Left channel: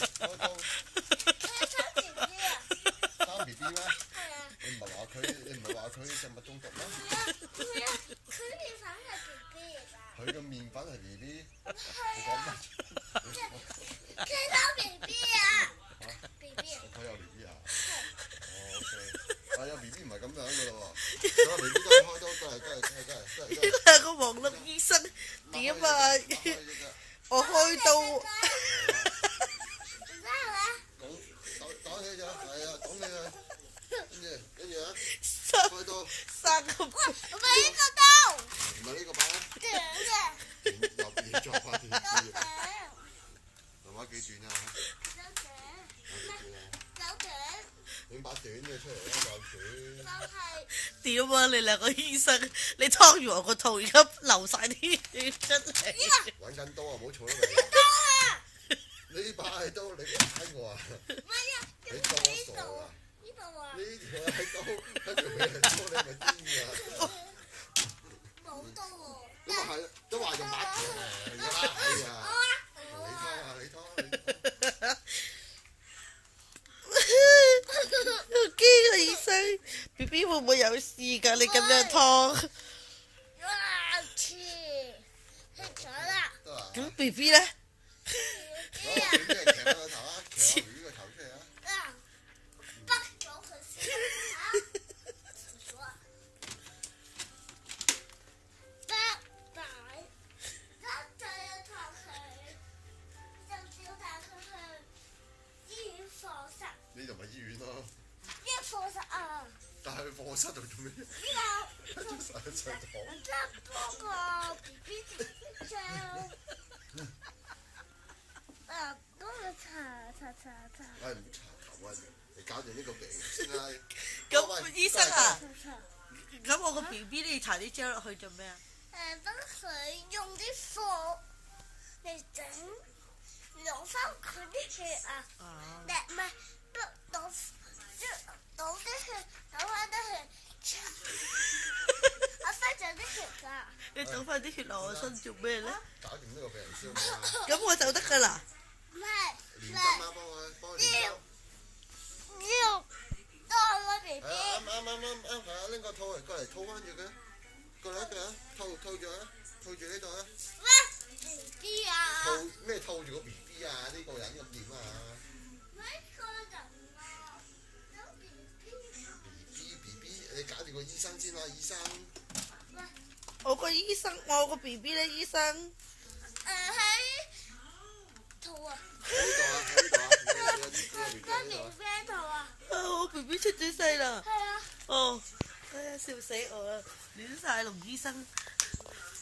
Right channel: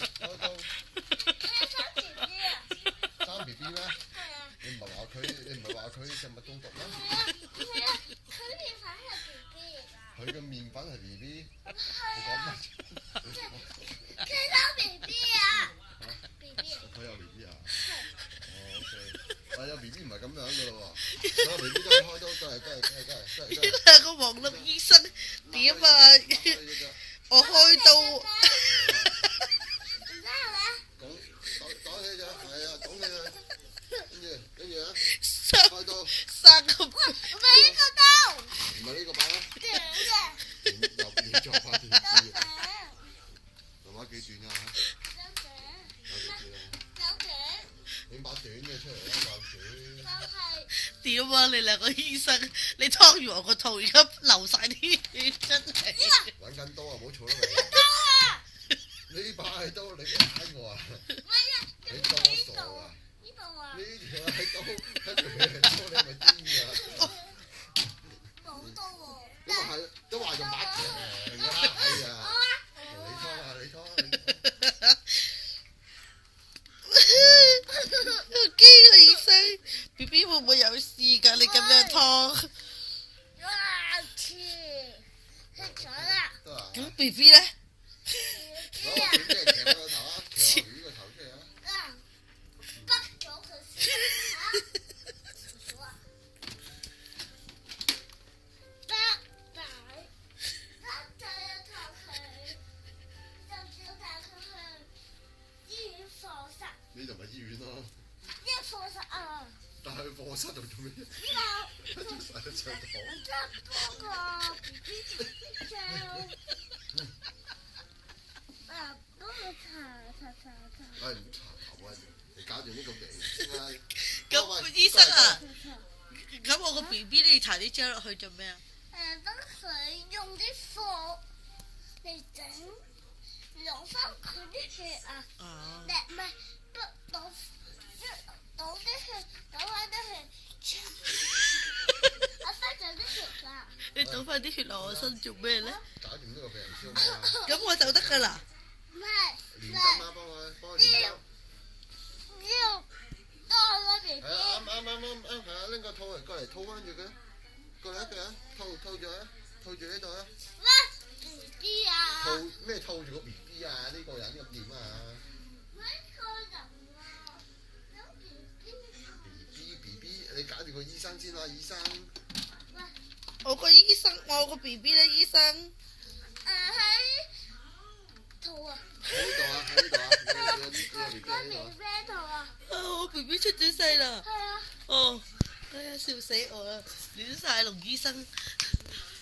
開刀生 B B 啊？生 B B 咩？係啊。你唔係話佢食物中毒咩？佢面粉係 B B 嚟㗎。佢個麵粉係 B B。你講乜？佢有 B B 啊 ！B B。佢有 B B 啊？係。哦 OK。但有 B B 唔係咁樣㗎咯喎。有 B B 都係開刀，真係。呢兩個黃粒醫生點啊？我開刀。唔得係嘛？講起咗，係啊，講起佢，跟住啊，生開刀，個我俾呢個刀。唔係呢個把啦，短嘅。又變咗把斷啲，媽媽幾短啊？有短。整把短嘅出嚟啦，又短。就係。點啊？你兩個醫生，你劏完我個肚，而家流晒啲血出嚟。揾緊刀啊！唔好嘈啦刀啊！你。呢把係刀，你打我啊！唔係啊，你當我傻啊？呢度啊。呢條係刀，跟住俾人刀，你係咪癲㗎？冇刀喎。咁啊係，都話用把長㗎啦，係啊！你拖啊！好驚啊！醫生 ，B B 會唔會有事㗎？你咁樣劏，哇！切咗啦。得啊！咁 B B 咧？攞個鉗嚟鉗佢個頭啊！鉗下 B B 個頭出嚟啊！啊！bắt咗佢先嚇。得仔，得仔啊！托佢，就叫帶佢去醫院課室。呢度咪醫院咯，醫院課室啊！但係課室度做咩？呢個上堂。得嗰個 B B 就幫佢查。唉，唔查頭啊！你搞掂呢個頸先啦。咁醫生啊，查。咁我個 B B 你搽啲膠落去做咩啊？等佢用啲火嚟整，攞翻佢啲血啊！哦。唔係，倒啲血，倒翻啲血，我身上啲血㗎。你倒翻啲血落我身做咩咧？搞掂呢個病人先好嘛？咁我就得㗎啦。唔係，連針啊，幫佢連針。要多個 B 係啊，啱，係啊，拎個套嚟過嚟套翻住佢，過嚟一腳啊，套住啊，套住呢度啊。咩 B 啊？套咩套住個 B B 啊？呢個人咁點啊？呢個人啊，有 BB，你搞掂個醫生先啦，醫生。我個醫生，我個 B B 咧，醫生。喺肚啊！喺呢度啊，喺呢度啊，你個 BB 喺呢度啊。喺肚啊！我 B B 出咗世啦。係啊。哦，哎呀，笑死我啦！亂晒龍醫生。